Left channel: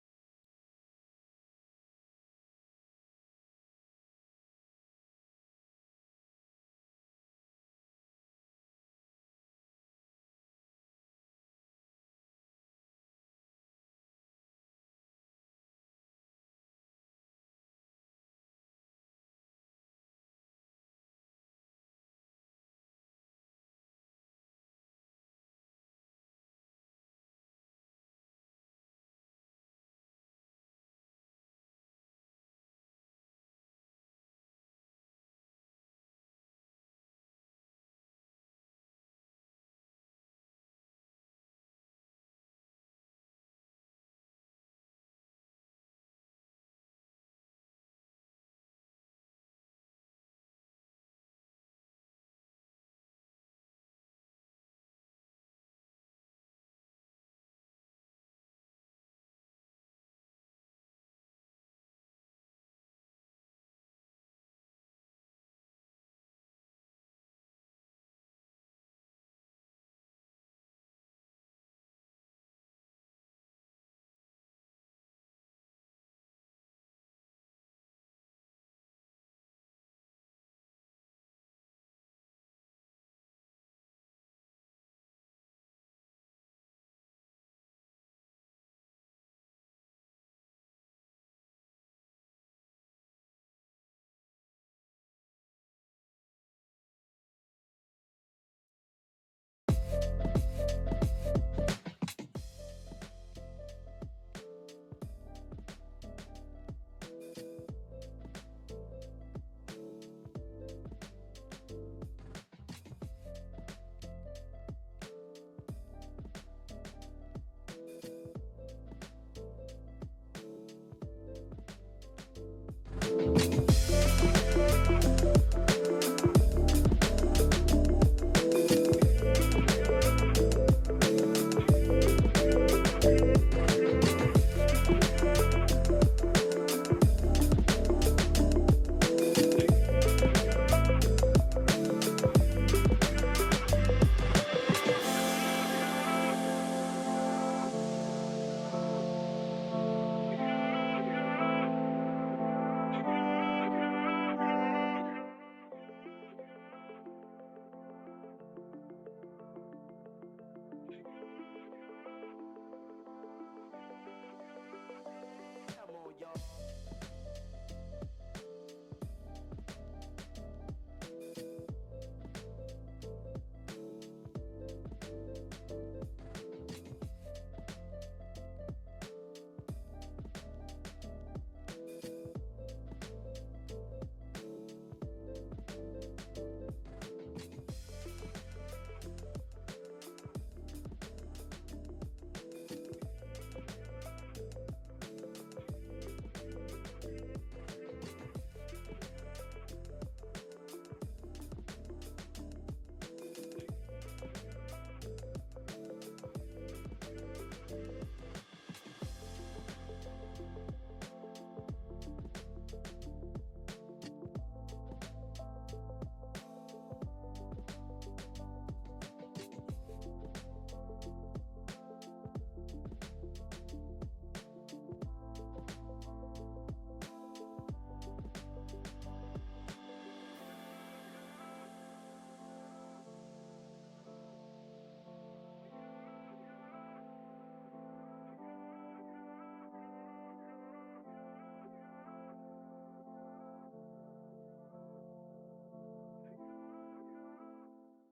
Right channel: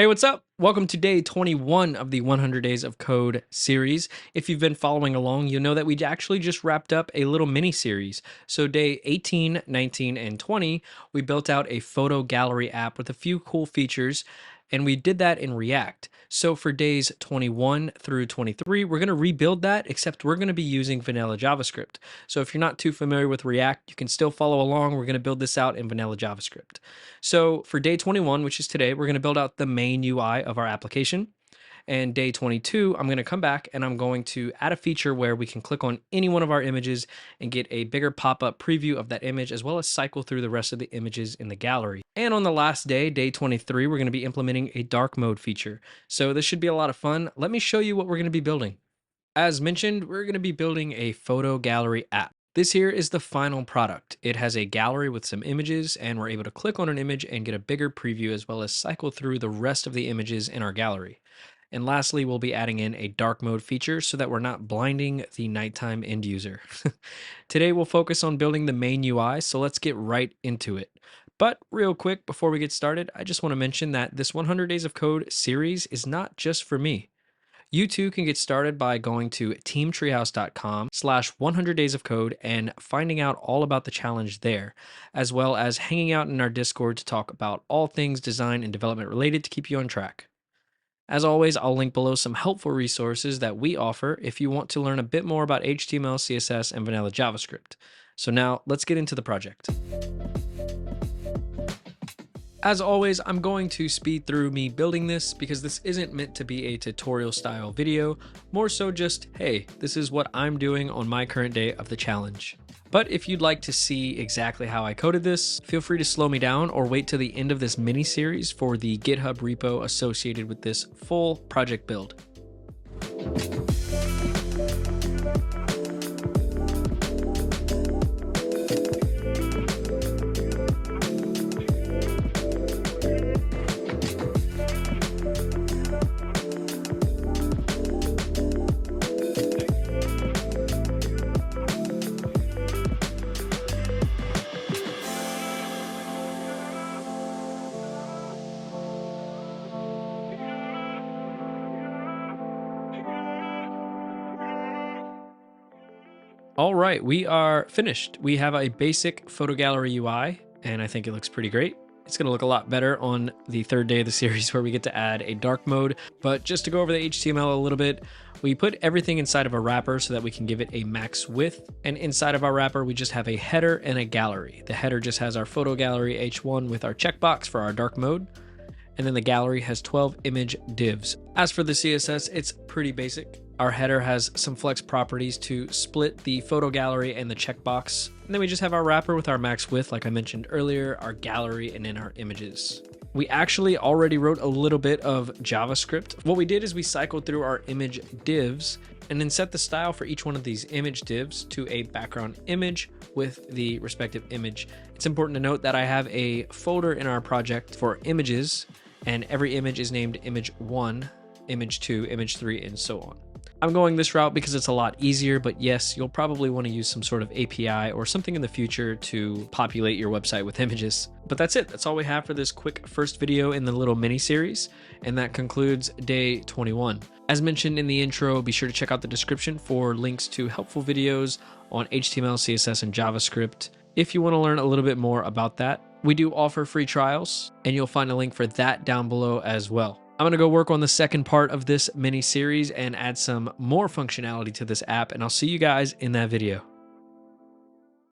Hey, what's up? Welcome to day 21 of the 100 Days of Code series. If you've been following along, you'll know that we actually just wrapped up a little mini series. So, day 18, 19, and 20, we built out a photo gallery app with a few cool features, and we did that in React. So, for days 21 through 23, we're going to rebuild that, except we're going to be using Vanilla JavaScript. So, if you're not too familiar with React, you can still follow along. We're going to build this out in Vanilla JavaScript. So for day 21, which is today, we're going to build out the main UI of our application. And day 22, I'm going to come back and I'm going to add a feature where we can click on any one of our images and get a bigger pop-up preview of that image, as well as cycle through the rest of the images in the gallery. And on the last day, day 23, we're going to be implementing a dark mode feature. So this should be a lot of fun. Let me show you what we're going to be building. As mentioned, we're going to be building a photo gallery app. This here is the final product. It has a gallery with some images, and we're able to click on an image and get a bigger preview, as well as cycle through the rest of the images in our gallery. And lastly, we'll be adding in a dark mode feature so that we're not blinding the nighttime end user. Today, we'll focus on building the main UI, so let's get right into it. But real quick, before we get started, I just want to mention that this 100 Days of Code series is not just for me. You too can get started by going to teamtreehouse.com/100 days of code and finding out all about the challenge there, as well as hanging out in our Discord to talk about all things design and development related to keep you on track. As always, I'll link below some helpful resources that we offer if you want to learn a bit more about HTML, CSS, and vanilla JavaScript. So now let's get into the project. As always, I'm going to speed through me building this because this isn't meant to be a tutorial style video, more so just, hey, this is what I'm doing on my current day of the challenge. But if you'd like to see exactly how I coded this, feel free to slow me down or wait till the end of this mini series for the GitHub repo associated with this full project build. All right, we are finished. We have a basic photo gallery UI, and I think it looks pretty great. It's going to look a lot better on the third day of the series where we get to add a dark mode. But just to go over the HTML a little bit, we put everything inside of a wrapper so that we can give it a max width. And inside of our wrapper, we just have a header and a gallery. The header just has our photo gallery H1 with our checkbox for our dark mode. And then the gallery has 12 image divs. As for the CSS, it's pretty basic. Our header has some flex properties to split the photo gallery and the checkbox. And then we just have our wrapper with our max width, like I mentioned earlier, our gallery, and then our images. We actually already wrote a little bit of JavaScript. What we did is we cycled through our image divs and then set the style for each one of these image divs to a background image with the respective image. It's important to note that I have a folder in our project for images, and every image is named image 1, image 2, image 3, and so on. I'm going this route because it's a lot easier, but yes, you'll probably want to use some sort of API or something in the future to populate your website with images. But that's it. That's all we have for this quick first video in the little mini series, and that concludes day 21. As mentioned in the intro, be sure to check out the description for links to helpful videos on HTML, CSS, and JavaScript if you want to learn a little bit more about that. We do offer free trials, and you'll find a link for that down below as well. I'm going to go work on the second part of this mini series and add some more functionality to this app, and I'll see you guys in that video.